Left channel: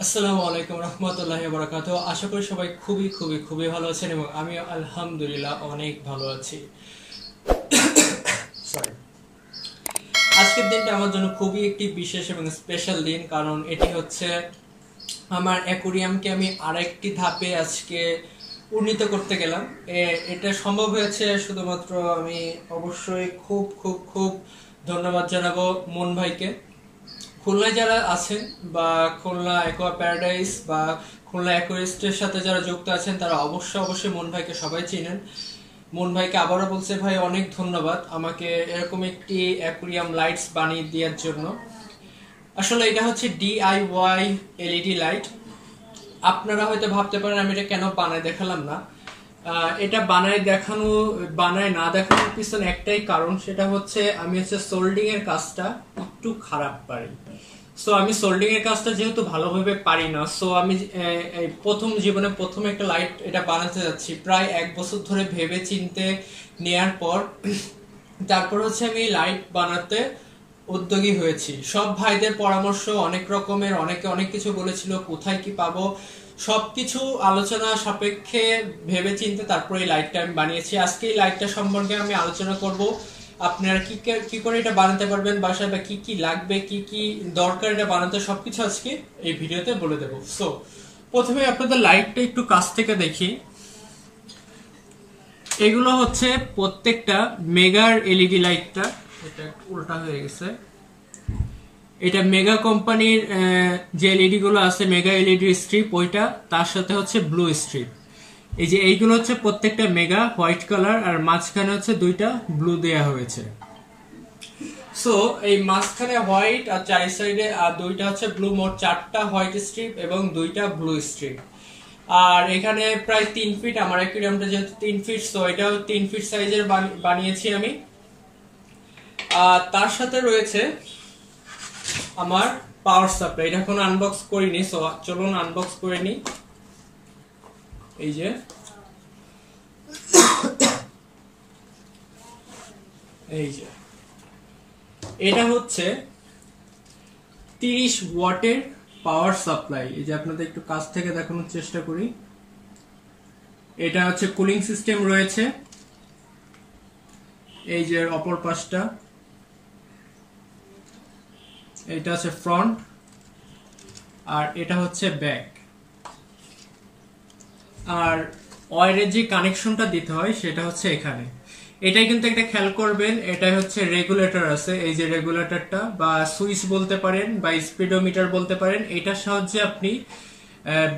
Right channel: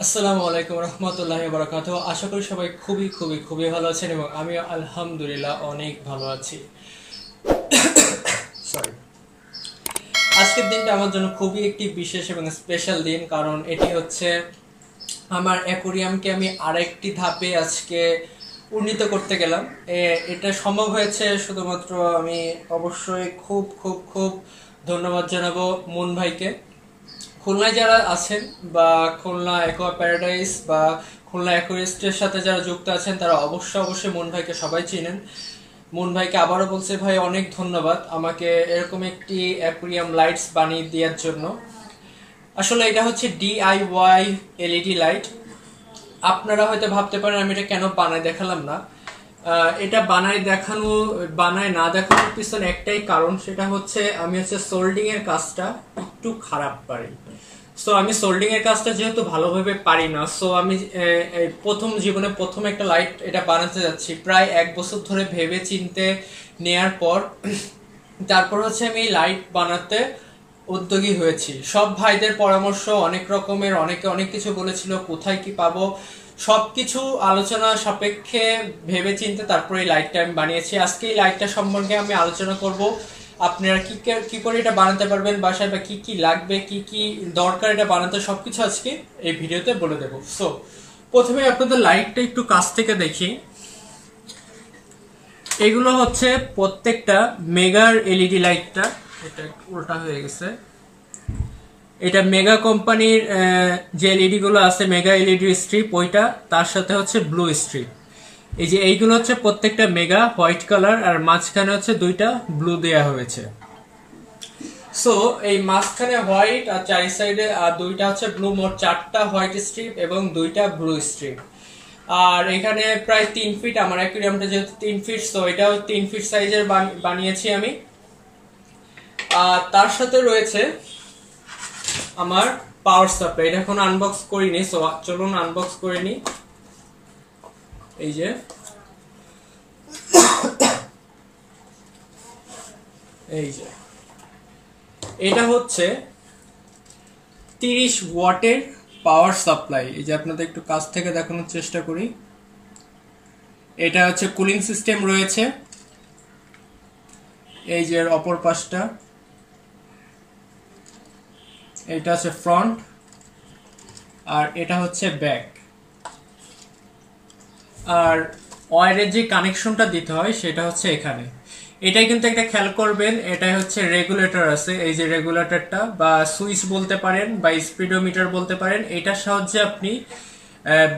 আসসালামু আলাইকুম রহমতুল্লাহি ওয়া বারাকাতুহু। আশা করি সবাই খুবই খুবই খুবই ভালো আছেন এবং আমি আলহামদুলিল্লাহ অনেক ভালো আছি। সরি, আজকের দিনটা আমার জন্য খুবই একটি বিশেষ এবং স্পেশাল দিন, কারণ এটি হচ্ছে আমার অ্যাকোরিয়ামকে আমি আরেকটি ধাপে আজকে উন্নীত করতে গেলাম। এটা সম্ভব হয়েছে শুধুমাত্র আমি অবশ্যই খুব খুব খুব ধন্যবাদ জানাবো মুন ভাইকে। খুলনায় যারা আছেন বা খুলনা অ্যাকোয়া প্যারাডাইস বা খুলনা অ্যাকোয়ারিস্টের সাথে যারা যুক্ত আছেন তারা অবশ্যই মুন ভাইকে সবাই চিনেন। মুন ভাইকে আবারও বলছে ভাই অনেক ধন্যবাদ আমাকে এরকম একটি অ্যাকোরিয়াম লাইটস বানিয়ে দেওয়ার জন্য। আসলে এটা হচ্ছে DIY LED লাইট। আপনারা হয়তো ভাবতে পারেন আমি এটা কেন বানায় দেখালাম না। এটা বানায় না দেখানোর পিছনে একটাই কারণ, সেটা হচ্ছে আমি হচ্ছে সোল্ডিং এর কাজটা একটু খারাপ পারি। সো আমি সোল্ডিং এর কাজটা যেহেতু ভালোভাবে পারি না, সো আমি জীবনে প্রথম একটা লাইট এটা বানাতে যাচ্ছি। প্রায় 1 বছর ধরে ভেবে চিনতে নেয়ার পর তারপর হচ্ছে আমি লাইট বানাতে উদ্যোগী হয়েছি। সব ভাইদের পরামর্শ অনেক রকমের, অনেকে অনেক কিছু বলেছিল, কোথায় কি পাবো সবকিছু আলোচনা সাপেক্ষে ভেবে চিনতে তারপরে এই লাইটটা আমি বানিয়েছি। আজকে এই লাইটটা সম্পর্কে আমি আলোচনা করব, আপনারা কি করে এটা বানাতে পারবেন বাসায়, বা কি কি লাগবে, কি কি দরকার এটা বানাতে, সবকিছু আজকে এই ভিডিওতে বলে দেবো। সো প্রথমে আপনাদের লাইটটা একটু কাছ থেকে দেখি। এগুলো হচ্ছে প্রত্যেকটা মেগার LED লাইটটা, এটা উল্টা হয়ে গেছে। এটা মেগা কোম্পানির যে LED গুলো আছে, মেগা LED স্ট্রিপ ওইটা, তার সাথে হচ্ছে ব্লু স্ট্রিপ। এই যে এইগুলো হচ্ছে প্রত্যেকটা মেগা হোয়াইট কালার, আর মাঝখানে হচ্ছে দুইটা ব্লু দেয়া হয়েছে। সো এই মাঝখানে হোয়াইট আর চারি সাইডে আর দুইটা হচ্ছে ব্লু, মোট 4টা হোয়াইট স্ট্রিপ এবং 2টা ব্লু স্ট্রিপ। আর এখানে প্রায় 3 ফিট, আমার অ্যাকুয়ারিয়ামটা যেহেতু 3 ফিট, সো এটাও 3 ফিট সাইজের বানিয়েছি আমি। আর তার সাথে রয়েছে আমার পাওয়ার সাপ্লাই। এটা এখন আনবক্স করিনি, সো চলুন আনবক্স করে নিই। এই যে এটা হচ্ছে 30 ওয়াটের পাওয়ার সাপ্লাই। এই যে আপনাদের একটু কাছ থেকে দেখানোর চেষ্টা করি। এটা হচ্ছে কুলিং সিস্টেম রয়েছে, এই যে অপর পাশটা, এটা হচ্ছে ফ্রন্ট আর এটা হচ্ছে ব্যাক। আর ওয়্যারের যে কানেকশনটা দিতে হয় সেটা হচ্ছে এখানে। এটাই কিন্তু একটা খেয়াল করবেন, এটা হচ্ছে রেগুলেটর আছে, এই যে রেগুলেটরটা বা সুইচ বলতে পারেন বা স্পিডোমিটার বলতে পারেন। এটার সাহায্যে আপনি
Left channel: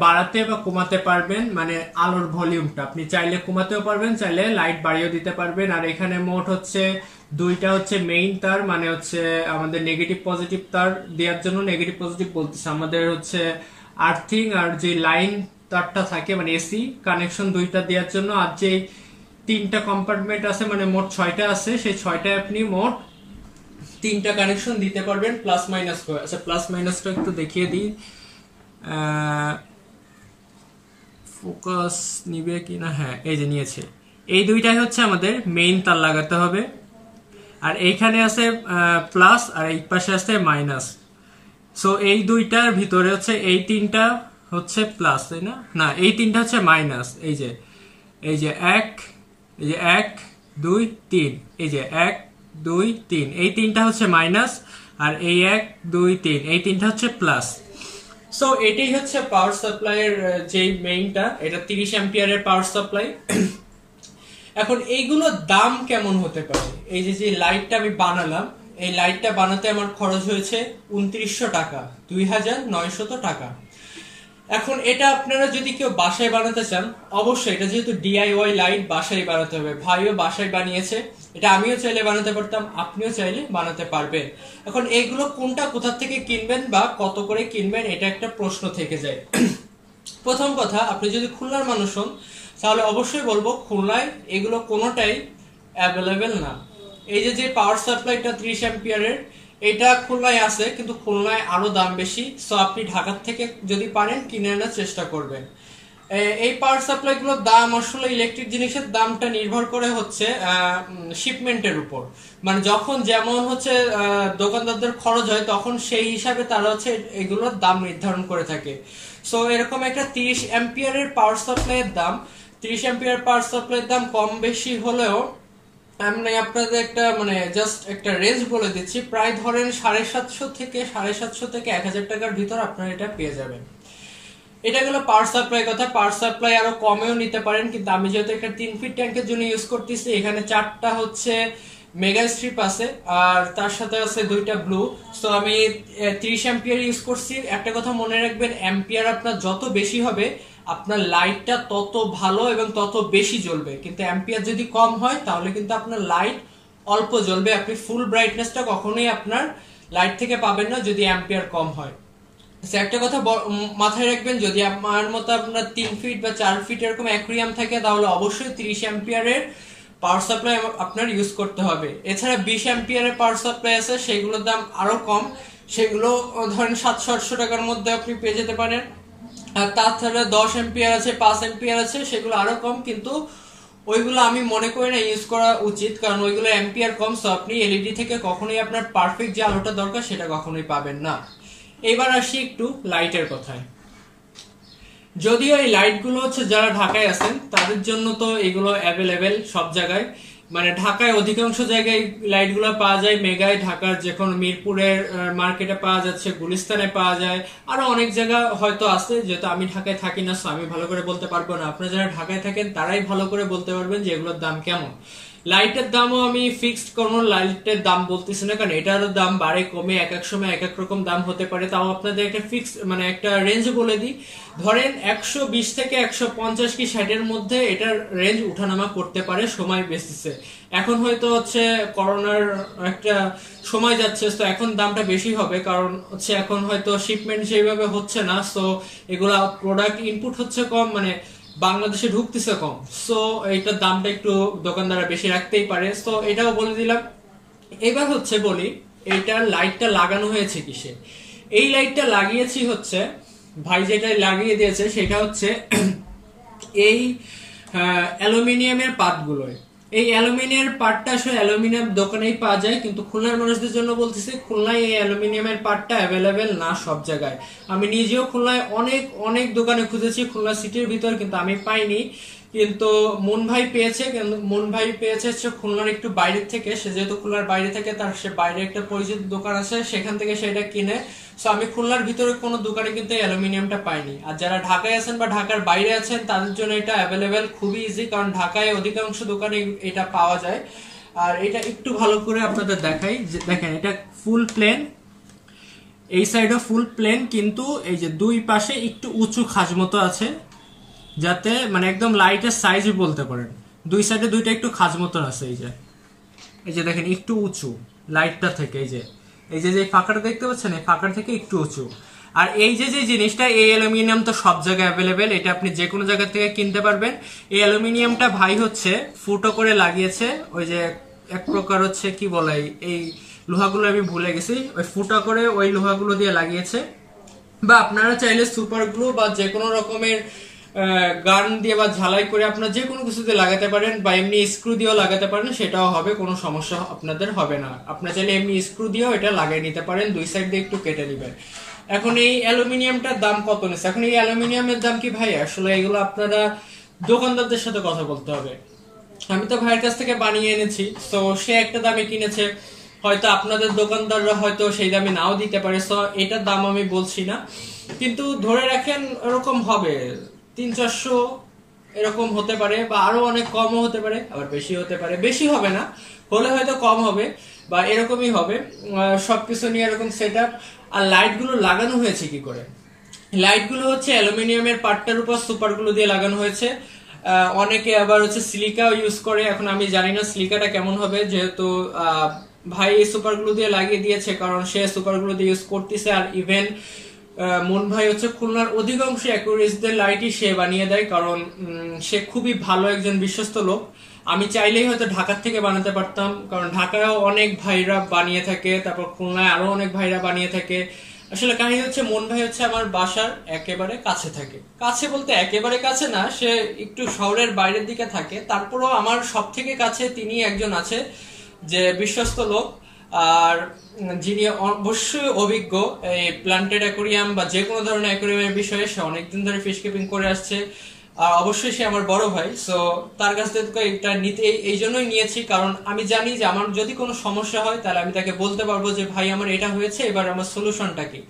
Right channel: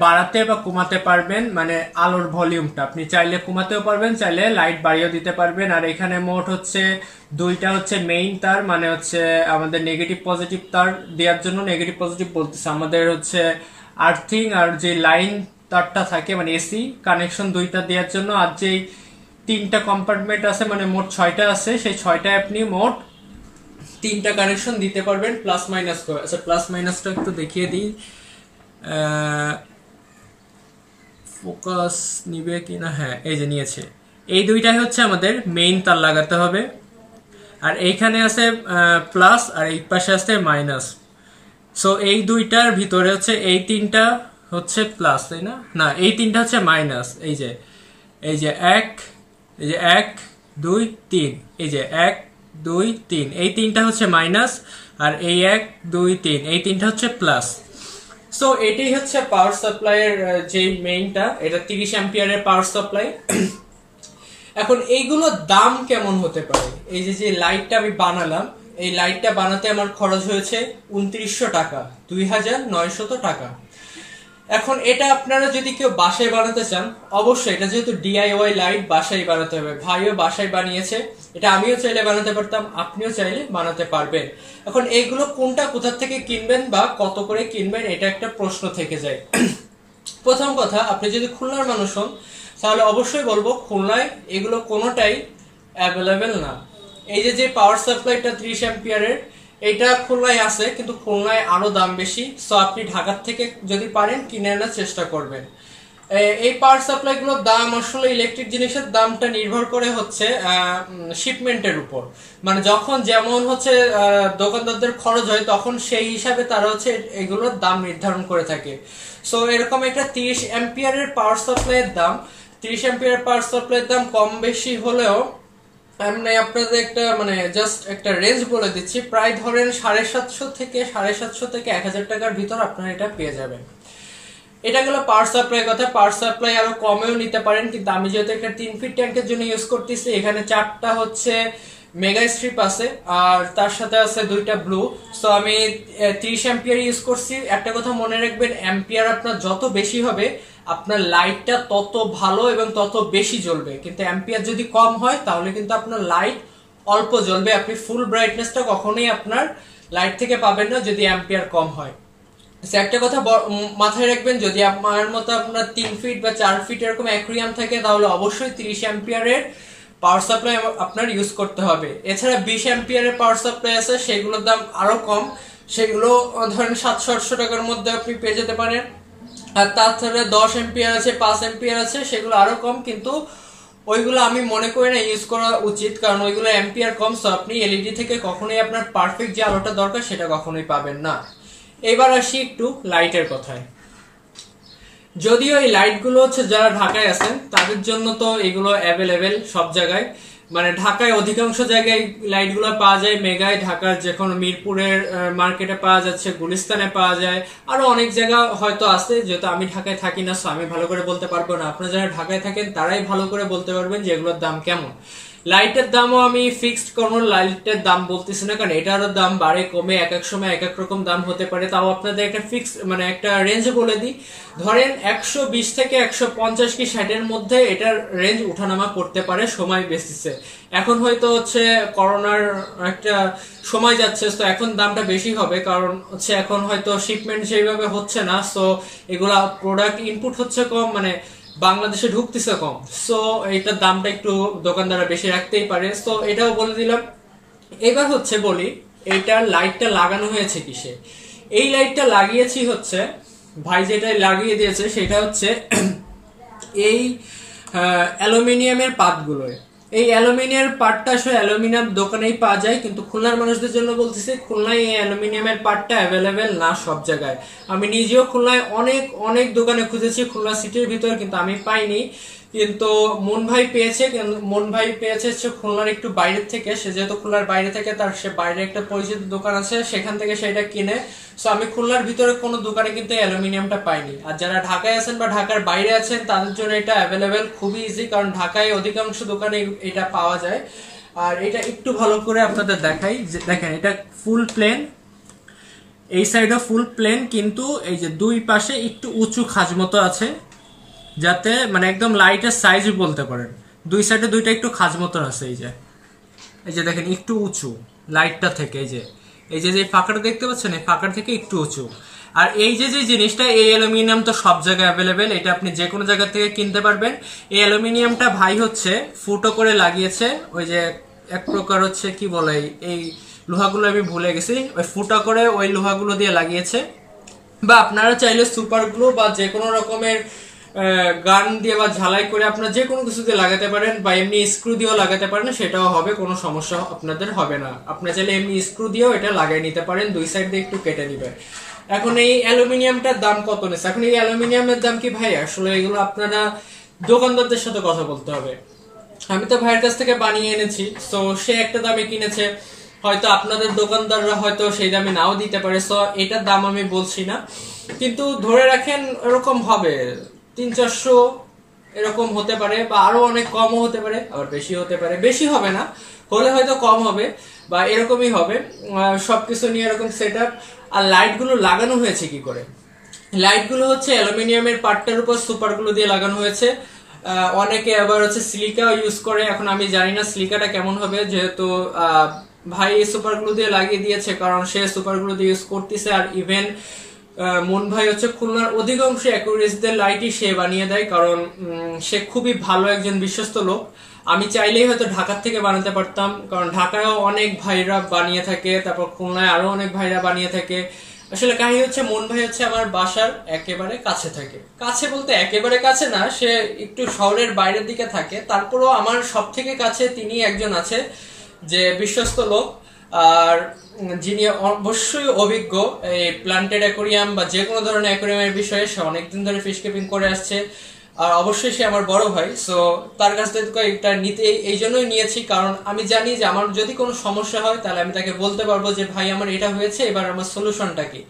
বাড়াতে বা কমাতে পারবেন, মানে আলোর ভলিউমটা আপনি চাইলে কমাতেও পারবেন, চাইলে লাইট বাড়িয়েও দিতে পারবেন। আর এখানে মোট হচ্ছে 2টা হচ্ছে মেইন তার, মানে হচ্ছে আমাদের নেগেটিভ পজিটিভ তার দেওয়ার জন্য, নেগেটিভ পজিটিভ বলতেছে আমাদের হচ্ছে আর্থিং, আর যে লাইন তারটা থাকে মানে AC কানেকশন 2টা দেওয়ার জন্য। আর যেই 3টা কম্পার্টমেন্ট আছে, মানে মোট 6টা আছে, সেই 6টায় আপনি মোট 3টা কানেকশন দিতে পারবেন প্লাস মাইনাস করে। আচ্ছা প্লাস মাইনাসটা একটু দেখিয়ে দিই, ফোকাস নিবে কিনা, হ্যাঁ এই যে নিয়েছে। এই 2টাই হচ্ছে আমাদের মেইন তার লাগাতে হবে, আর এইখানে আছে প্লাস আর এই পাশে আছে মাইনাস। সো এই 2টার ভিতরে হচ্ছে এই 3টা হচ্ছে প্লাস, তাই না? না, এই 3টা হচ্ছে মাইনাস। এই যে 1, এই যে 1 2 3, এই যে 1 2 3, এই 3টা হচ্ছে মাইনাস, আর এই 1 2 3, এই 3টা হচ্ছে প্লাস। সো এটাই হচ্ছে পাওয়ার সাপ্লাইয়ের যে মেইনটা, এটা 30 অ্যাম্পিয়ারের পাওয়ার সাপ্লাই। এখন এইগুলোর দাম কেমন হতে পারে? এই যে লাইটটা আমি বানালাম, এই লাইটটা বানাতে আমার খরচ হয়েছে 2900 টাকা, 2900 টাকা। এখন এটা আপনারা যদি কেউ বাসায় বানাতে চান, অবশ্যই এটা যেহেতু DIY লাইট, বাসায় বানাতে হবে। ভাইও বাসায় বানিয়েছে, এটা আমিও চাইলে বানাতে পারতাম, আপনিও চাইলে বানাতে পারবেন। এখন এইগুলো কোনটা কোথা থেকে কিনবেন বা কত করে কিনবেন, এটা একটা প্রশ্ন থেকে যায়। প্রথম কথা, আপনি যদি খুলনার মানুষ হন তাহলে অবশ্যই বলবো খুলনায় এগুলো কোনোটাই অ্যাভেলেবেল না। এই যে পাওয়ার সাপ্লাইটা 30 অ্যাম্পিয়ারের, এটা খুলনায় আছে, কিন্তু খুলনায় আরো দাম বেশি। সো আপনি ঢাকার থেকে যদি পারেন কিনে আনার চেষ্টা করবেন। এই পাওয়ার সাপ্লাই গুলোর দাম আসলে ইলেকট্রিক জিনিসের দামটা নির্ভর করে হচ্ছে শিপমেন্টের উপর, মানে যখন যেমন হচ্ছে দোকানদারদের খরচ হয় তখন সেই হিসাবে তারা হচ্ছে এগুলোর দাম নির্ধারণ করে থাকে। সো এরকম একটা 30 অ্যাম্পিয়ারের পাওয়ার সাপ্লাইয়ের দাম, 30 অ্যাম্পিয়ার পাওয়ার সাপ্লাইয়ের দাম কম বেশি হলেও আমি আপনাদের একটা মানে জাস্ট একটা রেঞ্জ বলে দিচ্ছি, প্রায় ধরেন 750 থেকে 1000 টাকার ভিতর আপনারা এটা পেয়ে যাবেন। এটা গেল পাওয়ার সাপ্লাই কথা। পাওয়ার সাপ্লাই আরো কমেও নিতে পারেন, কিন্তু আমি যেহেতু একটা 3 ফিট ট্যাঙ্কের জন্য ইউজ করতেছি, এখানে 4টা হচ্ছে মেগা স্ট্রিপ আছে আর তার সাথে আছে 2টা ব্লু। সো আমি 30 অ্যাম্পিয়ার ইউজ করছি। একটা কথা মনে রাখবেন, অ্যাম্পিয়ার আপনার যত বেশি হবে আপনার লাইটটা তত ভালো এবং তত বেশি জ্বলবে, কিন্তু অ্যাম্পিয়ার যদি কম হয় তাহলে কিন্তু আপনার লাইট অল্প জ্বলবে, আপনি ফুল ব্রাইটনেসটা কখনোই আপনার লাইট থেকে পাবেন না যদি অ্যাম্পিয়ার কম হয়। একটা কথা মাথায় রাখবেন, যদি আমার মতো আপনার 3 ফিট বা 4 ফিট এরকম অ্যাকুয়ারিয়াম থাকে তাহলে অবশ্যই 30 অ্যাম্পিয়ারের পাওয়ার সাপ্লাই আপনার ইউজ করতে হবে। এছাড়া 20 অ্যাম্পিয়ারের পাওয়ার সাপ্লাই আছে, সেগুলোর দাম আরো কম, সেগুলো ধরেন 700-800 টাকার মধ্যে আপনি পেয়ে যেতে পারেন। আর তাছাড়া 10 অ্যাম্পিয়ার আছে, 5 অ্যাম্পিয়ার আছে, সেগুলো আরো কম, কিন্তু ওইগুলো আমি মনে করি না ইউজ করা উচিত, কারণ ওইগুলো অ্যাম্পিয়ার কম। সো আপনি এলইডি থেকে কখনোই আপনার পারফেক্ট যে আলোটা দরকার সেটা কখনোই পাবেন না। এবার আসি একটু লাইটের কথায়। যদিও এই লাইটগুলো হচ্ছে যারা ঢাকায় আছেন তাদের জন্য তো এগুলো অ্যাভেলেবেল সব জায়গায়, মানে ঢাকায় অধিকাংশ জায়গায় লাইটগুলো পাওয়া যায়। মেগায় ঢাকার যখন মিরপুরের মার্কেটে পাওয়া যাচ্ছে, গুলিস্তানে পাওয়া যায়, আরো অনেক জায়গা হয়তো আছে। যেহেতু আমি ঢাকায় থাকি না, আমি ভালো করে বলতে পারবো না। আপনারা যারা ঢাকায় থাকেন তারাই ভালো করে বলতে পারবেন যে এগুলোর দাম কেমন। লাইটের দামও আমি ফিক্সড কোনো লাইটের দাম বলতেছি না, কারণ এটারও দাম বাড়ে কমে, এক এক সময় এক এক রকম দাম হতে পারে। তাও আপনাদের একটা ফিক্স মানে একটা রেঞ্জ বলে দিই, ধরেন 120 থেকে 150 কি 60-এর মধ্যে এটার রেঞ্জ উঠানামা করতে পারে সময় বেসিসে। এখন হয়তো হচ্ছে করোনার একটা সময় যাচ্ছে, তো এখন দামটা বেশি হবে, কারণ হচ্ছে এখন হয়তো শিপমেন্ট সেইভাবে হচ্ছে না। সো এগুলা প্রোডাক্ট ইনপুট হচ্ছে কম, মানে বাংলাদেশে ঢুকতেছে কম। সো এইটার দামটা একটু দোকানদাররা বেশি রাখতেই পারে। সো এটাও বলে দিলাম। এবার হচ্ছে বলি এইটার লাইটটা লাগানো হয়েছে কিসে। এই লাইটটা লাগিয়েছি হচ্ছে ভাই যেটা লাগিয়ে দিয়েছে সেটা হচ্ছে এই অ্যালুমিনিয়ামের পাতগুলোয়। এই অ্যালুমিনিয়ামের পার্টটা আসলে অ্যালুমিনিয়াম দোকানেই পাওয়া যায়, কিন্তু খুলনার মানুষদের জন্য বলতেছি খুলনায় এই অ্যালুমিনিয়ামের পার্টটা অ্যাভেলেবেল না সব জায়গায়। আমি নিজেও খুলনায় অনেক অনেক দোকানে খুঁজেছি খুলনা সিটির ভিতর, কিন্তু আমি পাইনি। কিন্তু মন ভাই পেয়েছে, হচ্ছে খুলনার একটু বাইরের থেকে। সে যেহেতু খুলনার বাইরে থেকে, তার সে বাইরে একটা পরিচিত দোকান আছে, সেখান থেকে সেটা কিনে। সো আমি খুলনার ভিতরে কোনো দোকানে কিন্তু অ্যালুমিনিয়ামটা পাইনি। আর যারা ঢাকায় আছেন বা ঢাকার বাইরে আছেন তাদের জন্য এটা অ্যাভেলেবেল খুবই ইজি, কারণ ঢাকায় অধিকাংশ দোকানে এটা পাওয়া যায়। আর এটা একটু ভালো করে আপনাদের দেখাই, দেখেন এটা ফুল প্লেন, এই সাইডও ফুল প্লেন, কিন্তু এই যে দুই পাশে একটু উঁচু খাঁজ মতো আছে, যাতে মানে একদম লাইটের সাইজ বলতে পারেন। দুই সাইডে দুইটা একটু খাঁজ মতো আছে। এই যে দেখেন একটু উঁচু লাইটটা থেকে, এই যে ফাঁকাটা দেখতে পাচ্ছেন, এই ফাঁকার থেকে একটু উঁচু। আর এই যে জিনিসটা, এই অ্যালুমিনিয়াম তো সব জায়গায় অ্যাভেলেবেল, এটা আপনি যে কোনো জায়গা থেকে কিনতে পারবেন। এই অ্যালুমিনিয়ামটা ভাই হচ্ছে ফুটো করে লাগিয়েছে, ওই যে এক প্রকার হচ্ছে কি বলে, এই লোহাগুলো আমি ভুলে গেছি, ওই ফুটা করে ওই লোহাগুলো দিয়ে লাগিয়েছে। বা আপনারা চাইলে সুপার গ্লু বা যে কোনো রকমের গান দিয়ে বা ঝালাই করে আপনার যে কোনো কিছু দিয়ে লাগাতে পারেন, বা এমনি স্ক্রু দিয়েও লাগাতে পারেন, সেটাও হবে, কোনো সমস্যা আপনাদের হবে না। আপনারা চাইলে এমনি স্ক্রু দিয়েও এটা লাগাই নিতে পারেন, দুই সাইড দিয়ে একটু কেটে নিবেন। এখন এই অ্যালুমিনিয়ামটার দাম কত নিচ্ছে? এখন এই অ্যালুমিনিয়ামের দাম কি ভাই, আসলে এগুলো আপনারা দোকানদারদের সাথে কথা বলতে হবে। আমি তো ভাইয়ের কাছ থেকে বানিয়ে এনেছি, তো সে একটা দামে কিনেছে, হয়তো আপনাদের দোকানদাররা হয়তো সেই দামে নাও দিতে পারে। সো এটার দাম আমি বলছি না, কিন্তু ধরে রাখেন এরকম হবে 300-400 এরকম হতে পারে, বা আরো অনেক কমও হতে পারে, আবার বেশি হতে পারে। বেশি হবে না, হলে হয়তো কম হবে বা এরকমই হবে। সবকিছু নিয়ে এরকম সেট আপ। আর লাইটগুলো লাগানো হয়েছে কি করে? লাইটগুলো হচ্ছে অ্যালুমিনিয়ামের পার্টটার উপর সুপারগুলো দিয়ে লাগানো হয়েছে। অনেকে আবার হচ্ছে সিলিকাও ইউজ করে, এখন আমি জানি না সিলিকাটা কেমন হবে, যেহেতু ভাই এই সুপারগুলো দিয়ে লাগিয়ে দিয়েছে, কারণ সে সুপারগুলো দিয়ে ইউজ করতেছে। আর ইভেন মন ভাই হচ্ছে খুলনার অধিকাংশ অ্যাকুরেসিদের লাইটই সে বানিয়ে দেয়, কারণ সে খুবই ভালো একজন বিশ্বস্ত লোক। আমি চাইলেই হয়তো ঢাকার থেকে বানাতে পারতাম, কারণ ঢাকায়ও অনেক ভাইরা বানিয়ে থাকে, তারপর খুলনায় আরো অনেক ভাইরা বানিয়ে থাকে। আসলে কাহিনী হচ্ছে মন ভাই হচ্ছে আমার বাসার একেবারে কাছে থাকে, কাছে বলতে একেবারে কাছে না, সে একটু শহরের বাইরের দিকে থাকে, তারপরও আমার সব থেকে কাছে তিনি একজন আছে যে বিশ্বস্ত লোক, আর যিনি অবশ্যই অভিজ্ঞ এই প্লান্টেড অ্যাকোরিয়াম বা যে কোনো ধরনের অ্যাকোরিয়ামের বিষয়ে। সে অনেকদিন ধরে ফিশ কিপিং করে আসছে, আর অবশ্যই সে আমার বড় ভাই। সো তার কাছ থেকে এটা নিতে এই জন্যই নিয়েছি, কারণ আমি জানি যে আমার যদি কোনো সমস্যা হয় তাহলে আমি তাকে বলতে পারবো যে ভাই আমার এটা হয়েছে, এবার আমার সলিউশনটা কি।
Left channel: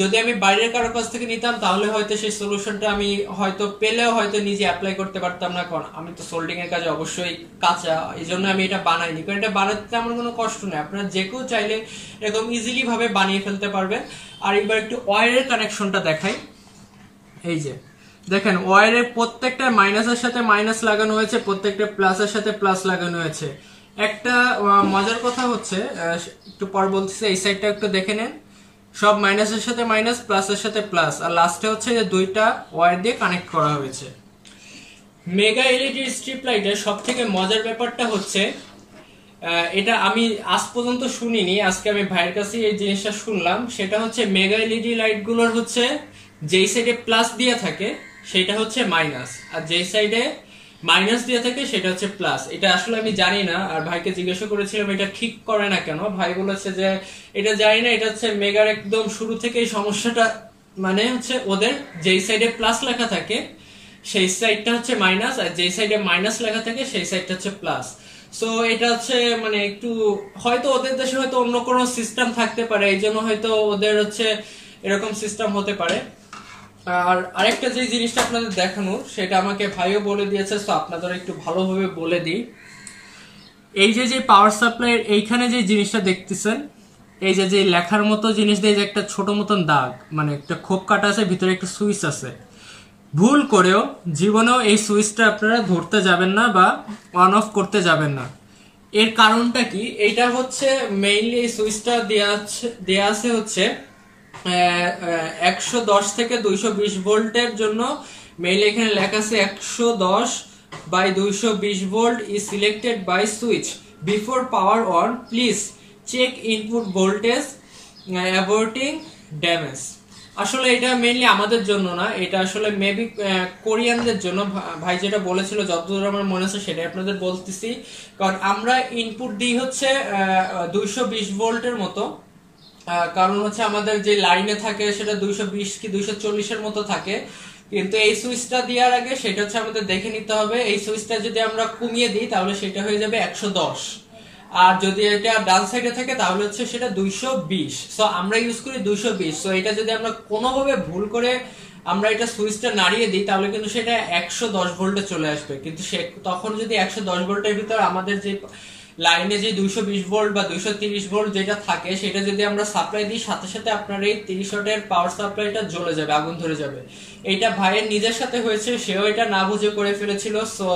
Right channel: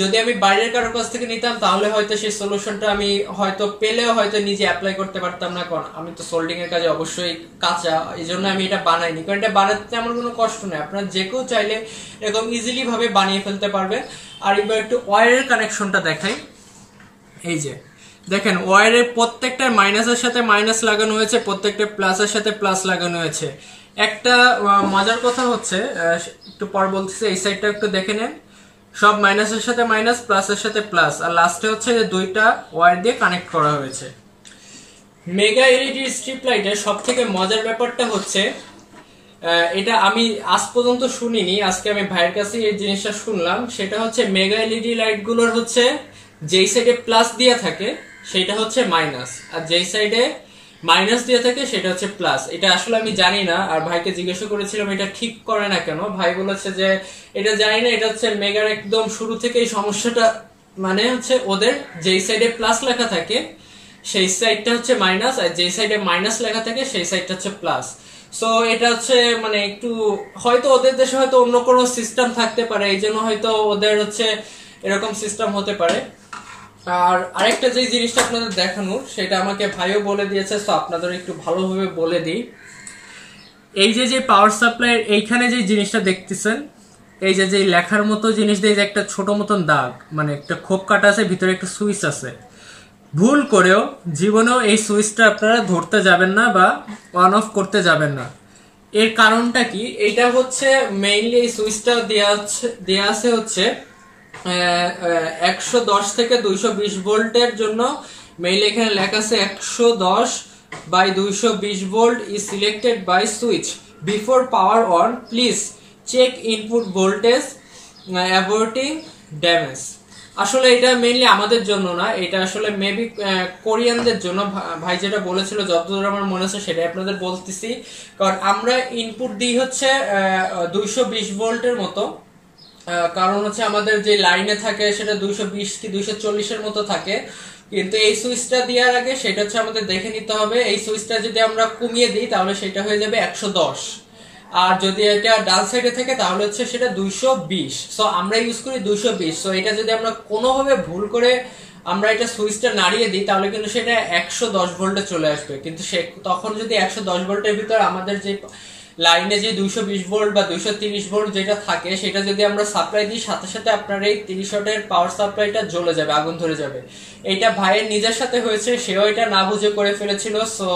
যদি আমি বাইরের কারো কাছ থেকে নিতাম তাহলে হয়তো সেই সলিউশনটা আমি হয়তো পেলেও হয়তো নিজে অ্যাপ্লাই করতে পারতাম না, কারণ আমি তো সোল্ডিং এর কাজে অবশ্যই কাঁচা, এই জন্য আমি এটা বানাইনি। কারণ এটা বানাতে আমার কোনো কষ্ট নেই, আপনারা যে কেউ চাইলে এরকম ইজিলি ভাবে বানিয়ে ফেলতে পারবেন। আর এবার একটু ওয়্যারের কানেকশনটা দেখাই। এই যে দেখেন, ওয়্যারের প্রত্যেকটা মাইনাসের সাথে মাইনাস লাগানো হয়েছে, প্রত্যেকটা প্লাসের সাথে প্লাস লাগানো হয়েছে। একটা মজার কথা হচ্ছে, একটু পর বলতেছে, এই সাইডটা একটু দেখে নেন, সব মাইনাসের সাথে মাইনাস, প্লাসের সাথে প্লাস, আর লাস্টে হচ্ছে যে দুইটা ওয়্যার দিয়ে কানেক্ট করা হয়েছে। মেগা এলইডি স্ট্রিপ লাইটের সব থেকে মজার ব্যাপারটা হচ্ছে, এটা আমি আজ পর্যন্ত শুনিনি, আজকে আমি ভাইয়ের কাছে এই জিনিসটা শুনলাম। সেটা হচ্ছে মেগা এলইডি লাইট গুলোর হচ্ছে যেই সাইডে প্লাস দিয়ে থাকে সেটা হচ্ছে মাইনাস, আর যেই সাইডে মাইনাস দিয়ে থাকে সেটা হচ্ছে প্লাস। এটা আসলে আমি জানি না, আর ভাইকে জিজ্ঞাসা করেছিলাম এটা ঠিক করে না কেন, ভাই বলেছে যে এটা জানি না, এটা হচ্ছে মেগার একদম শুরু থেকেই সমস্যাটা, মানে হচ্ছে ওদের যেই সাইডে প্লাস লেখা থাকে সেই সাইডটা হচ্ছে মাইনাস, আর যেই সাইডে মাইনাস লেখা থাকে সেই সাইডটা হচ্ছে প্লাস। সো এটা হচ্ছে মানে একটু হয়তো ওদের দেশে হয়তো অন্য কোনো সিস্টেম থাকতে পারে, এই জন্য হয়তো ওদের হচ্ছে এরকম সিস্টেম হতে পারে। আর আরেকটা যে জিনিসটা আপনাদের দেখানোর, সেটা আমাকে ভাইও বলে দিয়েছে, তো আপনাদের একটু ভালোভাবে বলে দিই। এই যে যে পাওয়ার সাপ্লাই এইখানে যে জিনিসটা দেখতেছেন, এই যে যে লেখার মতো জিনিস দিয়ে যে একটা ছোট মতন দাগ, মানে একটা খোপ কাটা আছে, ভিতরে একটা সুইচ আছে, ভুল করেও জীবনেও এই সুইচটা আপনারা ধরতে যাবেন না বা অন অফ করতে যাবেন না। এর কারণটা কি, এটা হচ্ছে মেইনলি এই সুইচটা দেয়া আছে হচ্ছে 110 থেকে 220 ভোল্টের জন্য। মেইলে এখানে লেখা আছে 110/220 volt is selected by switch before power on, please check input voltage avoiding damage. আসলে এটা মেইনলি আমাদের জন্য না, এটা আসলে মেবি কোরিয়ানদের জন্য। ভাই যেটা বলেছিল যতদূর আমার মনে আছে সেটাই আপনাদের বলতেছি, কারণ আমরা ইনপুট দিই হচ্ছে 220 ভোল্টের মতো, কারণ হচ্ছে আমাদের যে লাইনে থাকে সেটা 220 কি 240 এর মতো থাকে, কিন্তু এই সুইচটা দেওয়ার আগে সেটা হচ্ছে আমাদের দেখে নিতে হবে। এই সুইচটা যদি আমরা কমিয়ে দিই তাহলে সেটা হয়ে যাবে 110, আর যদি এটা ডান সাইডে থাকে তাহলে হচ্ছে সেটা 220। সো আমরা ইউজ করি 220। সো এটা যদি আমরা কোনোভাবে ভুল করে আমরা এটা সুইচটা নাড়িয়ে দিই তাহলে কিন্তু সেটা 110 ভোল্টে চলে আসবে, কিন্তু সে তখন যদি 110 ভোল্টের ভিতর আমাদের যে লাইনে যে 220 ভোল্ট বা 230 ভোল্ট যেটা থাকে সেটা যদি আমরা সাপ্লাই দিই, সাথে সাথে আপনার এই 30 ওয়াটের পাওয়ার সাপ্লাইটা জ্বলে যাবে, আগুন ধরে যাবে। এটা ভাইয়ের নিজের সাথে হয়েছে, সেও এটা না বুঝে করে ফেলেছিল, সো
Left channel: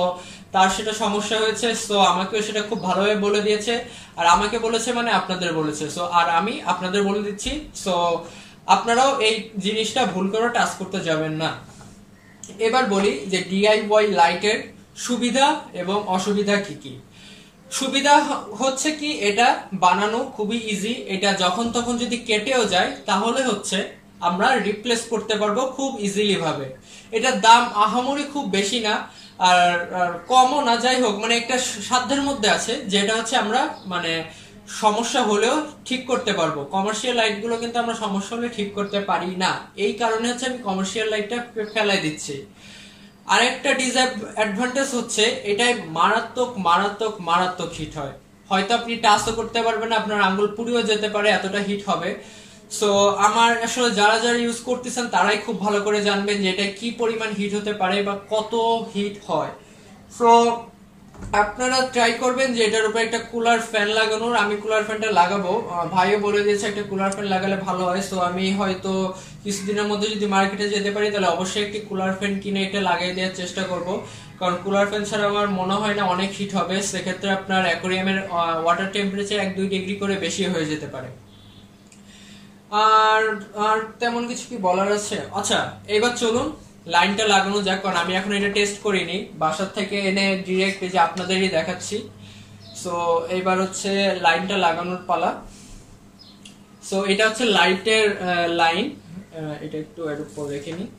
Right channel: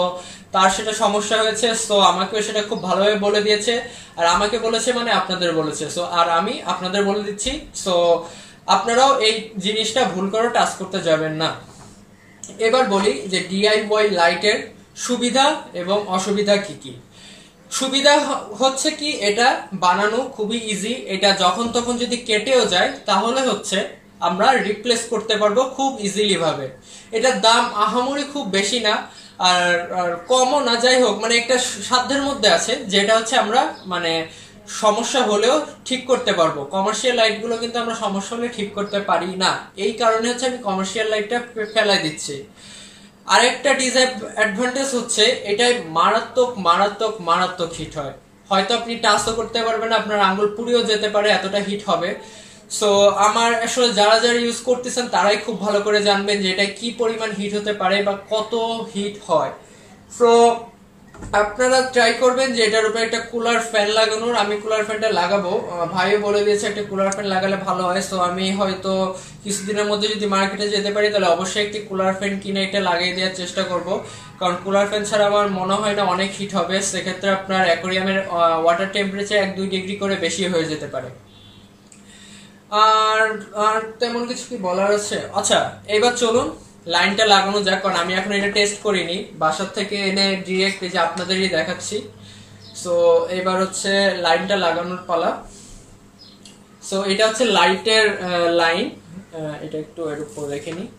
তার সেটা সমস্যা হয়েছে। সো আমাকেও সেটা খুব ভালোভাবে বলে দিয়েছে, আর আমাকে বলেছে মানে আপনাদের বলেছে, সো আর আমি আপনাদের বলে দিচ্ছি। সো আপনারাও এই জিনিসটা ভুল করে টাচ করতে যাবেন না। এবার বলি যে ডিআইওয়াই লাইটের সুবিধা এবং অসুবিধা কি কি। সুবিধা হচ্ছে কি, এটা বানানো খুবই ইজি, এটা যখন তখন যদি কেটেও যায় তাহলে হচ্ছে আমরা রিপ্লেস করতে পারবো খুব ইজিলি ভাবে। এটার দাম আহামরি খুব বেশি না, আর কমও না, যাই হোক মানে একটা সাধ্যের মধ্যে আছে, যেটা হচ্ছে আমরা মানে সমস্যা হলেও ঠিক করতে পারবো। কমার্শিয়াল লাইটগুলো কিন্তু আমরা সমস্যা হলে ঠিক করতে পারি না, এই কারণে হচ্ছে আমি কমার্শিয়াল লাইটটা ফেলাই দিচ্ছি। আরেকটা ডিসঅ্যাডভান্টেজ হচ্ছে এটাই মারাত্মক মারাত্মক মারাত্মক হিট হয়, হয়তো আপনি টাচও করতে পারবেন না, আপনার আঙ্গুল পুড়িয়েও যেতে পারে, এতটা হিট হবে। সো আমার আসলে যারা যারা ইউজ করতেছেন তারাই খুব ভালো করে জানবেন যে এটা কি পরিমাণ হিট হতে পারে বা কত হিট হয়। সো আপনারা ট্রাই করবেন যে এটার উপরে একটা কুলার ফ্যান লাগানোর। আমি কুলার ফ্যানটা লাগাবো, ভাইও বলে দিয়েছে একটা কুলার ফ্যান লাগালে ভালো হয়। সো আমি হয়তো কিছুদিনের মধ্যে যদি মার্কেটে যেতে পারি তাহলে অবশ্যই একটি কুলার ফ্যান কিনে এটা লাগিয়ে দেওয়ার চেষ্টা করব, কারণ কুলার ফ্যান ছাড়া আমার মনে হয় না অনেক হিট হবে। সেক্ষেত্রে আপনার অ্যাকোরিয়ামের ওয়াটার টেম্পারেচার 1-2 ডিগ্রি করে বেশি হয়ে যেতে পারে। আর আর তেমন কিছু কি বলার আছে? আচ্ছা এবার চলুন লাইনটা লাগানো যাক, কারণ আমি এখন এটা টেস্ট করিনি, বাসার থেকে এনে ডিরেক্ট এই যে আপনাদেরই দেখাচ্ছি। সো এবার হচ্ছে লাইনটা লাগানোর পালা। সো এটা হচ্ছে লাইটের লাইন, এটা একটু এর উপর রেখে নিই,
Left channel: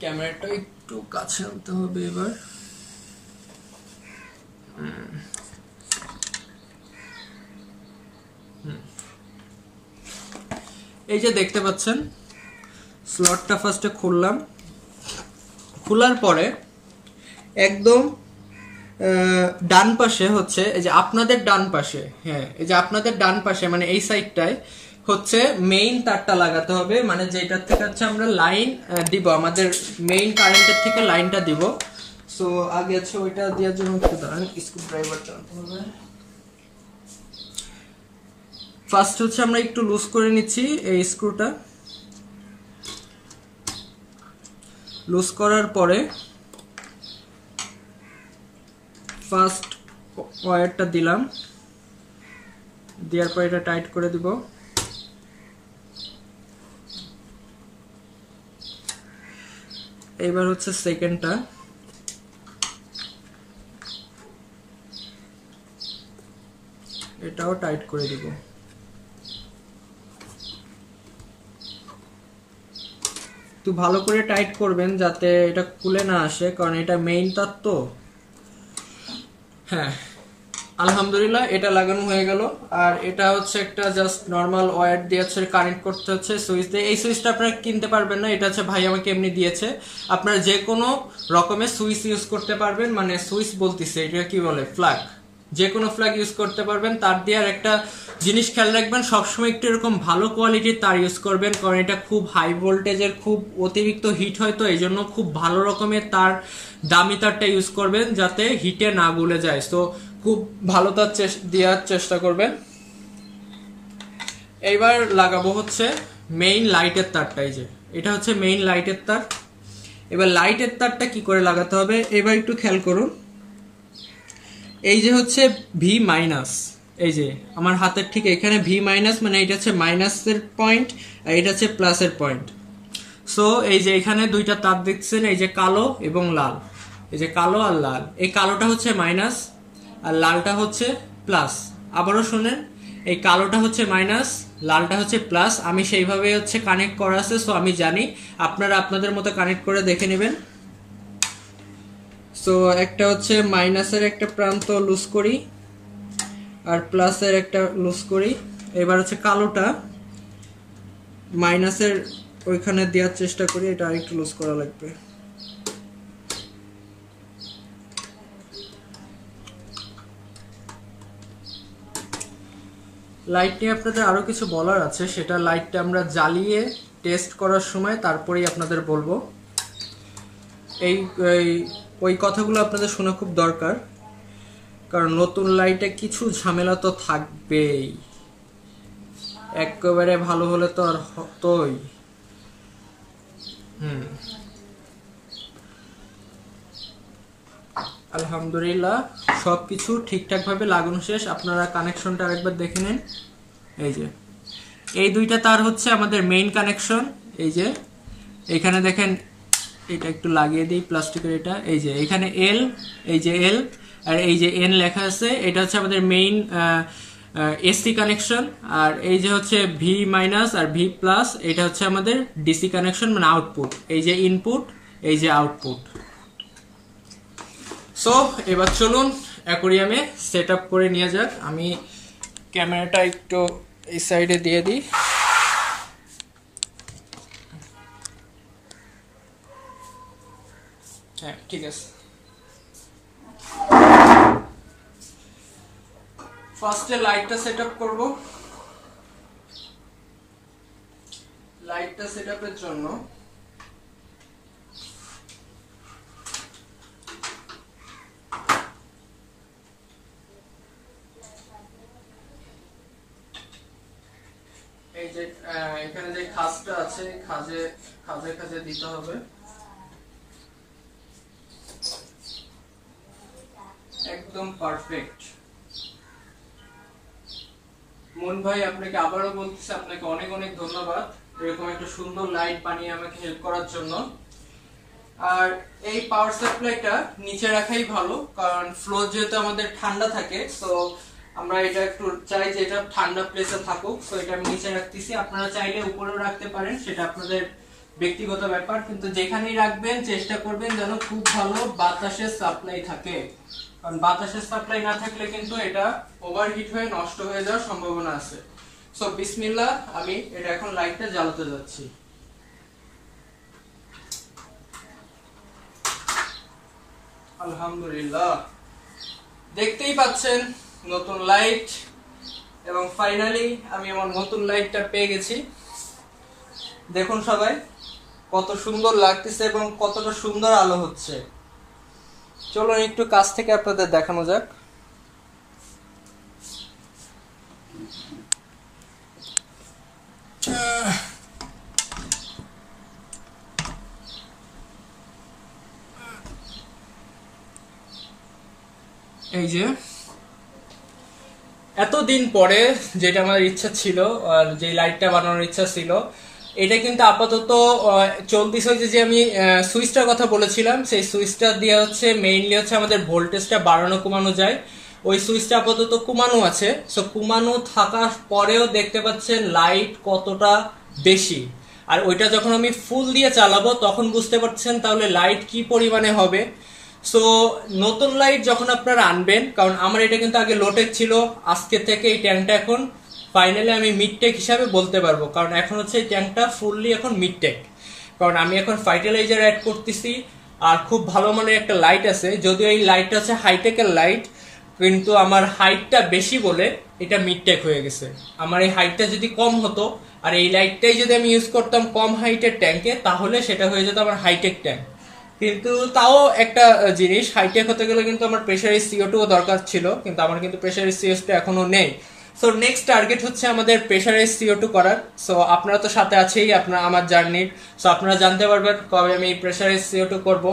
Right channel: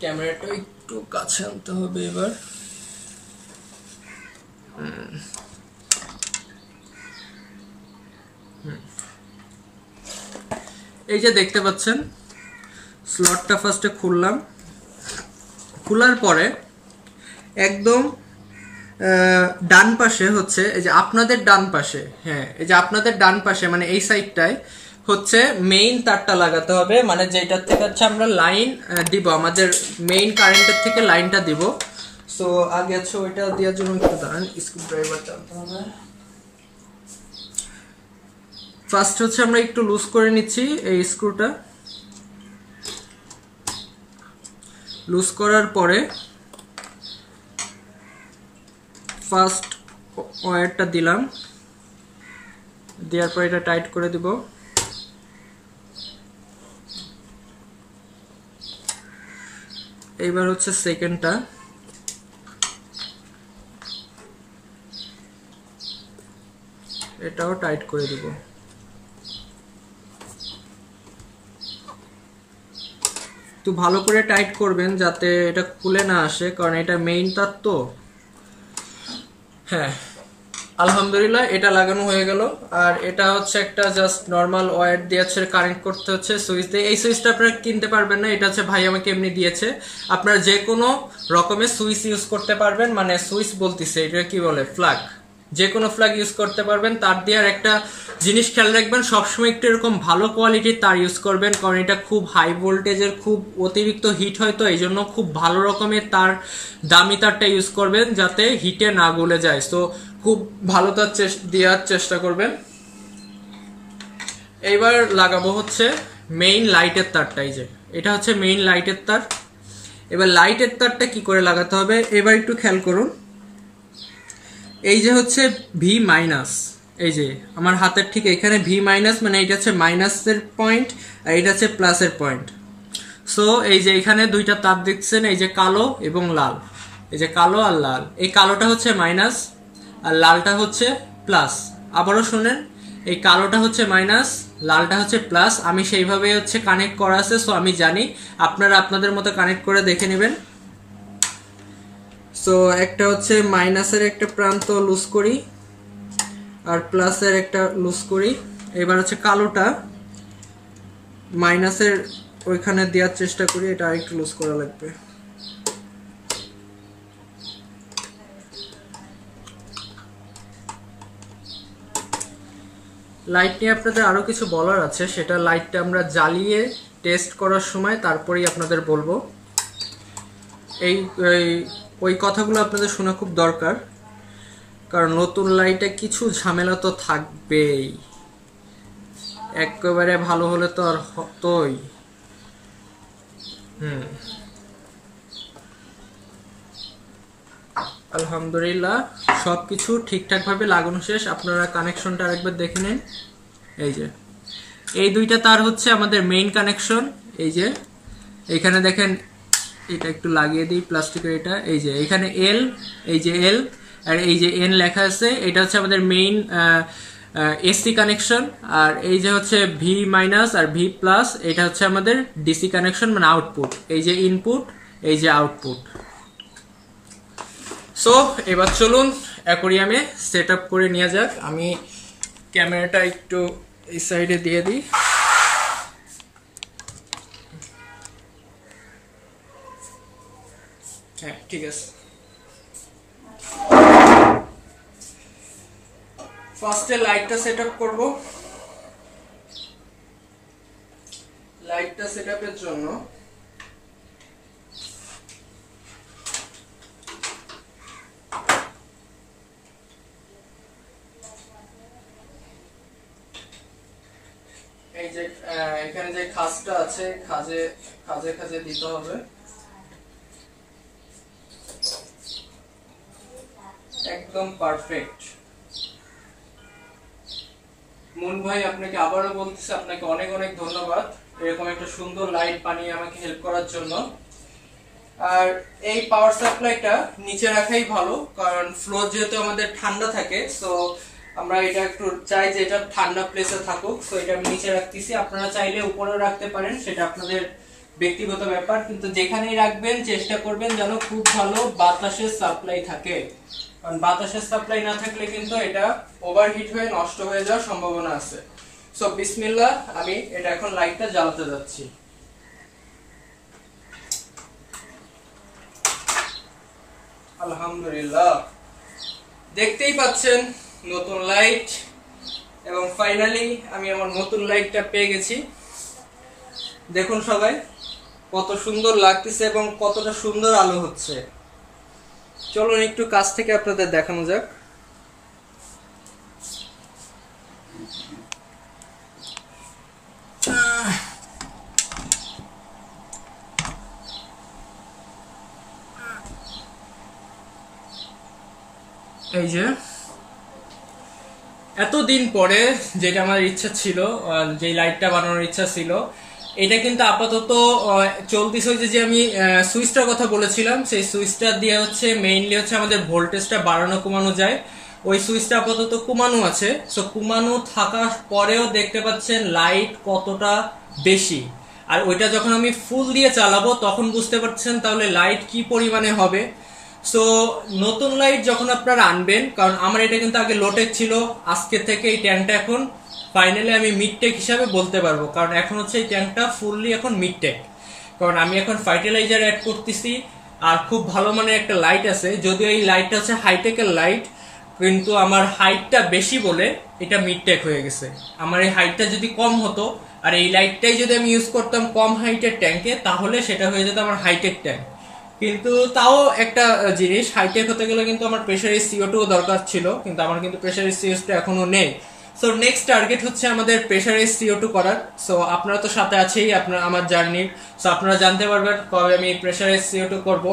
ক্যামেরাটা একটু কাছে আনতে হবে এবার। এই যে দেখতে পাচ্ছেন স্লটটা ফার্স্টে খুললাম, খোলার পরে একদম ডান পাশে হচ্ছে এই যে আপনাদের ডান পাশে, হ্যাঁ এই যে আপনাদের ডান পাশে মানে এই সাইডটায় হচ্ছে মেইন তারটা লাগাতে হবে, মানে যেটার থেকে হচ্ছে আমরা লাইন দিব, আমাদের মেইন কারেন্টের থেকে লাইনটা দিব। সো আগে হচ্ছে ওইটা দেওয়ার জন্য একটু দাঁড়ান, স্ক্রু ড্রাইভার টানতে হবে। ফার্স্ট হচ্ছে আমরা একটু লুজ করে নিচ্ছি এই স্ক্রুটা, লুজ করার পরে ফার্স্ট ওয়্যারটা দিলাম, দেওয়ার পর এটা টাইট করে দিব। এইবার হচ্ছে সেকেন্ডটা, এটাও টাইট করে দিব। তো ভালো করে টাইট করবেন যাতে এটা খুলে না আসে, কারণ এটা মেইন তার তো। হ্যাঁ আলহামদুলিল্লাহ এটা লাগানো হয়ে গেল। আর এটা হচ্ছে একটা জাস্ট নর্মাল ওয়্যার দিয়ে হচ্ছে কানেক্ট করতে হচ্ছে সুইচ দিয়ে। এই সুইচটা আপনারা কিনতে পারবেন না, এটা হচ্ছে ভাই আমাকে এমনি দিয়েছে। আপনারা যে কোনো রকমের সুইচ ইউজ করতে পারবেন, মানে সুইচ বলতেছে এটা কি বলে, প্লাগ, যে কোনো প্লাগ ইউজ করতে পারবেন। তার দিয়ে আর একটা জিনিস খেয়াল রাখবেন, সবসময় একটু এরকম ভালো কোয়ালিটির তার ইউজ করবেন, কারণ এটা খুব হাই ভোল্টেজের, খুব অতিরিক্ত হিট হয়, তো এই জন্য খুব ভালো রকমের তার, দামি তারটা ইউজ করবেন যাতে হিটে না গলে যায়। তো খুব ভালো তার দেওয়ার চেষ্টা করবেন। এইবার লাগাবো হচ্ছে মেইন লাইটের তারটা, এই যে এটা হচ্ছে মেইন লাইটের তার। এবার লাইটের তারটা কি করে লাগাতে হবে এবার একটু খেয়াল করুন। এই যে হচ্ছে ভি মাইনাস, এই যে আমার হাতের ঠিক এখানে ভি মাইনাস, মানে এটা হচ্ছে মাইনাসের পয়েন্ট আর এটা হচ্ছে প্লাসের পয়েন্ট। সো এই যে এখানে দুইটা তার দেখছেন, এই যে কালো এবং লাল, এই যে কালো আর লাল, এই কালোটা হচ্ছে মাইনাস আর লালটা হচ্ছে প্লাস। আবারও শুনেন, এই কালোটা হচ্ছে মাইনাস, লালটা হচ্ছে প্লাস। আমি সেইভাবে হচ্ছে কানেক্ট করা আছে, সো আমি জানি, আপনারা আপনাদের মতো কানেক্ট করে দেখে নেবেন। সো একটা হচ্ছে মাইনাসের একটা প্রান্ত লুজ করি আর প্লাসের একটা লুজ করি। এবার হচ্ছে কালোটা মাইনাসের ওইখানে দেওয়ার চেষ্টা করি, এটা আরেকটু লুজ করা লাগবে। লাইট নিয়ে আপনাদের আরো কিছু বলার আছে, সেটা লাইটটা আমরা জ্বালিয়ে টেস্ট করার সময় তারপরেই আপনাদের বলবো। ওই কথাগুলো আপনাদের শোনা খুব দরকার, কারণ নতুন লাইটে কিছু ঝামেলা তো থাকবেই, একেবারে ভালো হলে তো আর হতোই। আলহামদুলিল্লাহ সবকিছু ঠিকঠাক ভাবে লাগানো শেষ। আপনারা কানেকশনটা আরেকবার দেখে নেন। এই যে এই দুইটা তার হচ্ছে আমাদের মেইন কানেকশন। এই যে এখানে দেখেন, এটা একটু লাগিয়ে দিই প্লাস্টিকের, এটা এই যে এখানে এল, এই যে এল আর এই যে এন লেখা আছে, এটা হচ্ছে আমাদের মেইন এসি কানেকশন। আর এই যে হচ্ছে ভি মাইনাস আর ভি প্লাস, এটা হচ্ছে আমাদের ডিসি কানেকশন, মানে আউটপুট। এই যে ইনপুট, এই যে আউটপুট। সো এবার চলুন অ্যাকোরিয়ামে সেট আপ করে নিয়ে যাক। আমি ক্যামেরাটা একটু এই সাইডে দিয়ে দিই। হ্যাঁ ঠিক আছে। ফার্স্টে লাইটটা সেট আপ করবো। লাইটটা সেট আপের জন্য এই যে এখানে যে খাঁজটা আছে, খাঁজে খাঁজে দিতে হবে। একদম পারফেক্ট। মুন ভাই আপনাকে আবারও বলতেছি, আপনাকে অনেক অনেক ধন্যবাদ এরকম একটা সুন্দর লাইট বানিয়ে আমাকে হেল্প করার জন্য। আর এই পাওয়ার সাপ্লাইটা নিচে রাখাই ভালো, কারণ ফ্লোর যেহেতু আমাদের ঠান্ডা থাকে, সো আমরা এটা একটু চাই যে এটা ঠান্ডা প্লেসে থাকুক, তো এটা আমি নিচে রাখতেছি। আপনারা চাইলে উপরেও রাখতে পারেন, সেটা আপনাদের ব্যক্তিগত ব্যাপার, কিন্তু যেখানেই রাখবেন চেষ্টা করবেন যেন খুব ভালো বাতাসের সাপ্লাই থাকে, কারণ বাতাসের সাপ্লাই না থাকলে কিন্তু এটা ওভারহিট হয়ে নষ্ট হয়ে যাওয়ার সম্ভাবনা আছে। সো বিসমিল্লাহ, আমি এটা এখন লাইটটা জ্বালাতে যাচ্ছি। আলহামদুলিল্লাহ, দেখতেই পাচ্ছেন নতুন লাইট, এবং ফাইনালি আমি আমার নতুন লাইটটা পেয়ে গেছি। দেখুন সবাই কত সুন্দর লাগতেছে এবং কতটা সুন্দর আলো হচ্ছে। চলুন একটু কাছ থেকে আপনাদের দেখানো যাক। এই যে এতদিন পরে যেটা আমার ইচ্ছা ছিল, যে লাইটটা বানানোর ইচ্ছা ছিল, এটা কিন্তু আপাতত চলতেছে। যে আমি সুইচটার কথা বলেছিলাম, সেই সুইচটা দিয়ে হচ্ছে মেইনলি হচ্ছে আমাদের ভোল্টেজটা বাড়ানো কমানো যায়। ওই সুইচটা আপাতত কমানো আছে। সো কমানো থাকার পরেও দেখতে পাচ্ছেন লাইট কতটা বেশি, আর ওইটা যখন আমি ফুল দিয়ে চালাবো তখন বুঝতে পারছেন তাহলে লাইট কি পরিমাণে হবে। সো নতুন লাইট যখন আপনারা আনবেন, কারণ আমার এটা কিন্তু আগে লোটেক ছিল, আজকে থেকে এই ট্যাঙ্কটা এখন ফাইনালি আমি মিডটেক হিসাবে বলতে পারবো, কারণ এখন হচ্ছে এই ট্যাঙ্কটা ফুললি এখন মিডটেক, কারণ আমি এখন ফার্টিলাইজার অ্যাড করতেছি আর খুব ভালো মানের একটা লাইট আছে। যদিও এই লাইটটা হচ্ছে হাইটেকের লাইট, কিন্তু আমার হাইটটা বেশি বলে এটা মিডটেক হয়ে গেছে। আমার এই হাইটটা যদি কম হতো আর এই লাইটটাই যদি আমি ইউজ করতাম কম হাইটের ট্যাঙ্কে, তাহলে সেটা হয়ে যেত আমার হাইটেক ট্যাঙ্ক। কিন্তু তাও একটা জিনিস, হাইটেক হতে গেলে কিন্তু আমার প্রেসারের CO2 দরকার ছিল, কিন্তু আমার কিন্তু প্রেসারের CO2 এখনো নেই। সো নেক্সট টার্গেট হচ্ছে আমাদের প্রেসারের CO2 করার। সো আপনারা তো সাথে আছেই আপনারা আমার জার্নি, সো আপনারা জানতে পারবেন কবে আমি প্রেসারের CO2 করব।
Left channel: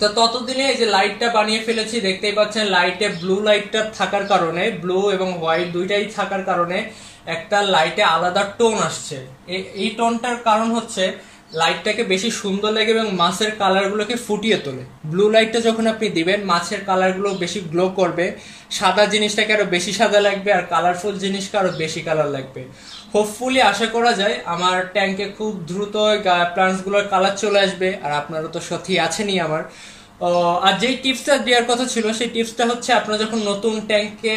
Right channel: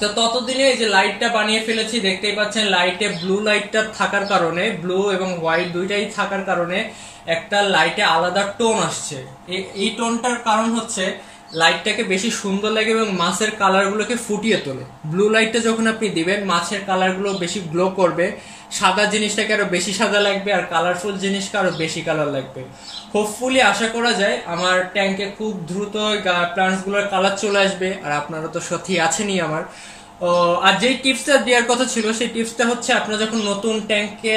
তো ততদিনে এই যে লাইটটা বানিয়ে ফেলেছি, দেখতেই পাচ্ছেন লাইটে ব্লু লাইটটা থাকার কারণে, ব্লু এবং হোয়াইট দুইটাই থাকার কারণে একটা লাইটে আলাদা টোন আসছে। এই টোনটার কারণ হচ্ছে লাইটটাকে বেশি সুন্দর লাগে এবং মাছের কালারগুলোকে ফুটিয়ে তোলে। ব্লু লাইটটা যখন আপনি দিবেন মাছের কালারগুলো বেশি গ্লো করবে, সাদা জিনিসটাকে আরো বেশি সাদা লাগবে, আর কালারফুল জিনিসকে আরো বেশি কালার লাগবে। হোপফুলি আশা করা যায় আমার ট্যাঙ্কে খুব দ্রুত প্লান্টসগুলোর কালার চলে আসবে, আর আপনারা তো সাথী আছেনই আমার। আর যে টিপসটা দেওয়ার কথা ছিল সেই টিপসটা হচ্ছে, আপনারা যখন নতুন ট্যাঙ্কে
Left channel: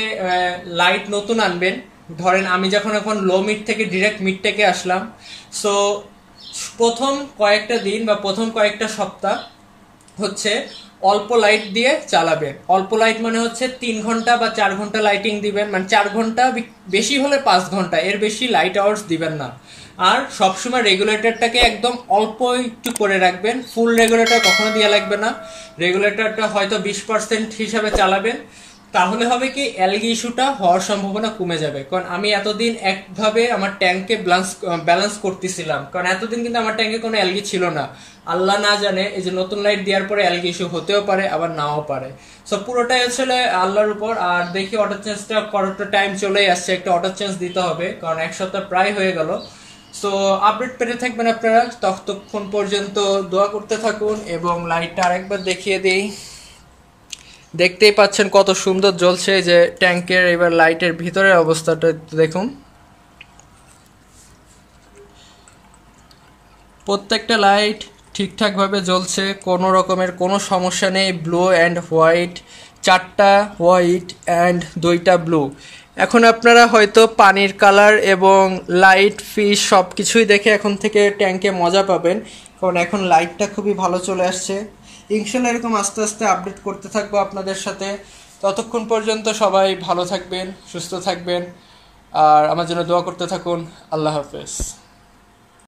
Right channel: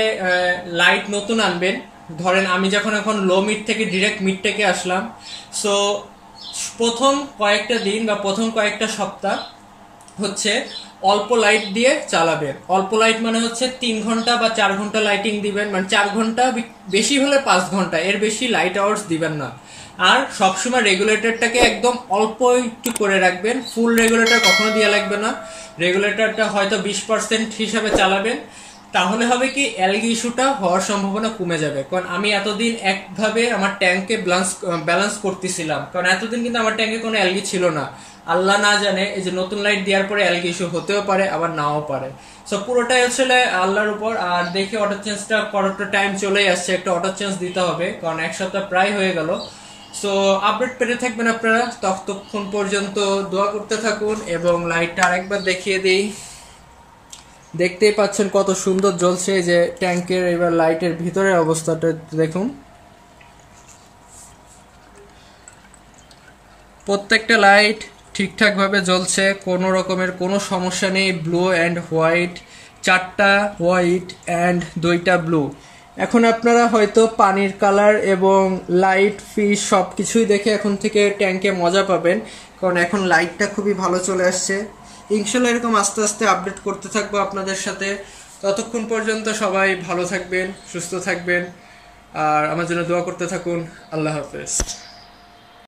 লাইট নতুন আনবেন, ধরেন আমি যখন এখন লো মিড থেকে ডিরেক্ট মিড থেকে আসলাম, সো প্রথম কয়েকটা দিন বা প্রথম কয়েকটা সপ্তাহ হচ্ছে অল্প লাইট দিয়ে চালাবেন। অল্প লাইট মানে হচ্ছে 3 ঘন্টা বা 4 ঘন্টা লাইটিং দিবেন, মানে 4 ঘন্টা, বেশি হলে 5 ঘন্টা, এর বেশি লাইট আওয়ার্স দিবেন না। আর সবসময় রেগুলেটরটাকে একদম অল্প একটু করে রাখবেন, ফুল রেগুলেটর কখনো দেওয়া লাগবে না। রেগুলেটরটা হয়তো 20% হিসাবে চালাবেন, তাহলে হবে কি অ্যালগি ইস্যুটা হওয়ার সম্ভাবনা কমে যাবে। কারণ আমি এতদিন একভাবে আমার ট্যাঙ্কে ব্যালেন্স করতেছিলাম, কারণ এতদিন কিন্তু আমার ট্যাঙ্কে কোনো অ্যালগি ছিল না। আল্লাহ না জানে এই যে নতুন লাইট দেওয়ার পরে অ্যালগি ইস্যু হতেও পারে আবার নাও পারে। সো পুরোটাই আসলে আল্লাহর উপর। আর দেখি অটো চেঞ্জটা করার টাইম চলেই আসছে, একটা অটো চেঞ্জ দিতে হবে, কারণ এক সপ্তাহ প্রায় হয়ে গেল। সো আপডেট পেতে থাকবেন আপনারা, ততক্ষণ পর্যন্ত দোয়া করতে থাকুন। এবং লাইটটা আরেকবার দেখিয়ে দিই, দেখতেই পাচ্ছেন কত সুন্দর জ্বলছে যে ট্যাঙ্কের। এবার লাইটের ভিতরের অবস্থাটা দেখুন, প্রত্যেকটা লাইট ঠিকঠাক ভাবে জ্বলছে, কোনো রকমের কোনো সমস্যা নেই। ব্লু অ্যান্ড হোয়াইট, 4টা হোয়াইট অ্যান্ড 2টা ব্লু। এখন আপনারা হয়তো পানির কালার এবং লাইট ফিশ সবকিছুই দেখে এখন থেকে ট্যাঙ্কে মজা পাবেন, কারণ এখন লাইটটা খুবই ভালো চলে আসছে। ইনশাল্লাহ এরকম আস্তে আস্তে আপডেট করতে থাকবো আপনাদের সাথে। ততক্ষণ পর্যন্ত সবাই ভালো থাকবেন, সুস্থ থাকবেন, আর আমার জন্য দোয়া করতে থাকুন। আল্লাহ হাফেজ।